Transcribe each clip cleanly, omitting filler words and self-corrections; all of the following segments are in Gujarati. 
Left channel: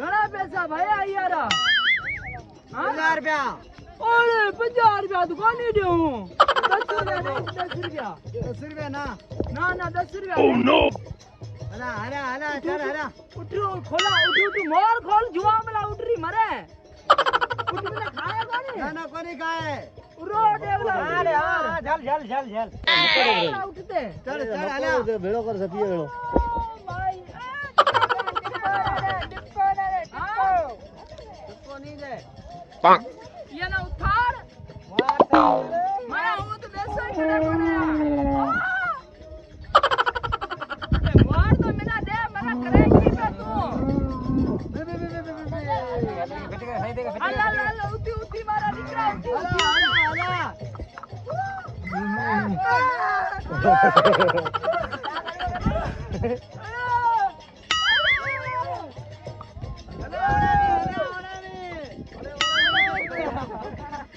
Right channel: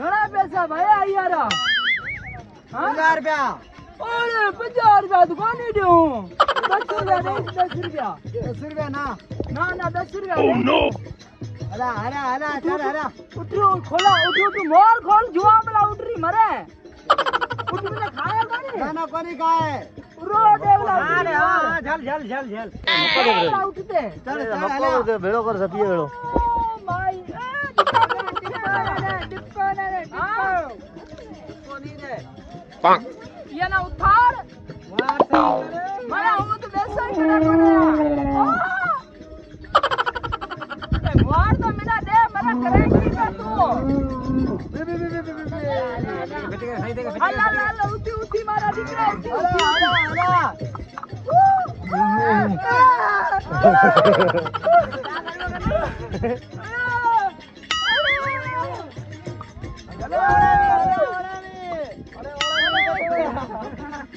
घणा पैसा भाया यारा? हां 50 रुपया। ओए 50 रुपया तो कोनी दूं। 10 रुपया दे 10 रुपया। 10 रुपया ना ना 10 रुपया। Oh no. हला हला हला चल हला। उठो खोला उठो मोर खोल जुआ मला उठरी मरे। उठ મને ખાય કોની? ના ના કોની ખાય? રો દેવલા અરે હા જલ જલ જલ જલ खोला उठते। ચલ ચલ હલા ભેળો કર સપીએ ભેળો માઈ કોની દે પાંક યના ઉઠાડ મારા હું તો બેસા કરે મને એ માર તો મેના દે મને કરે કી ના તું બે બે બે બે બે હાલા હાલા ઉઠી ઉઠી મારા દીકરા ઉઠી ઉઠી હલા હલા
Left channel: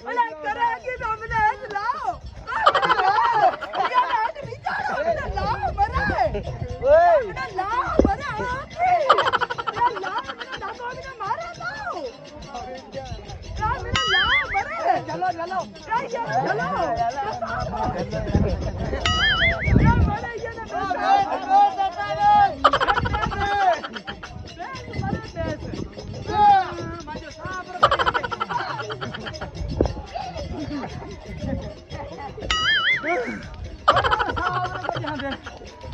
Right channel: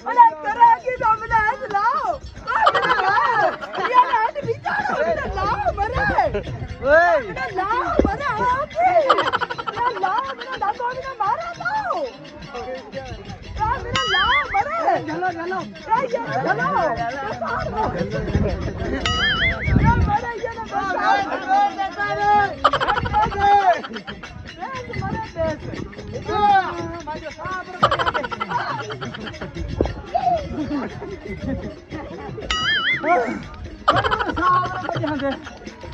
અરે કરે કી તો મને હાથ લાવ યના હાથ બિચારો મને લાવ મરે મને લાવ મરે લાવ મને દાતો મને મારે લાવ મને લાવ મરે ચલો ચલો ચલો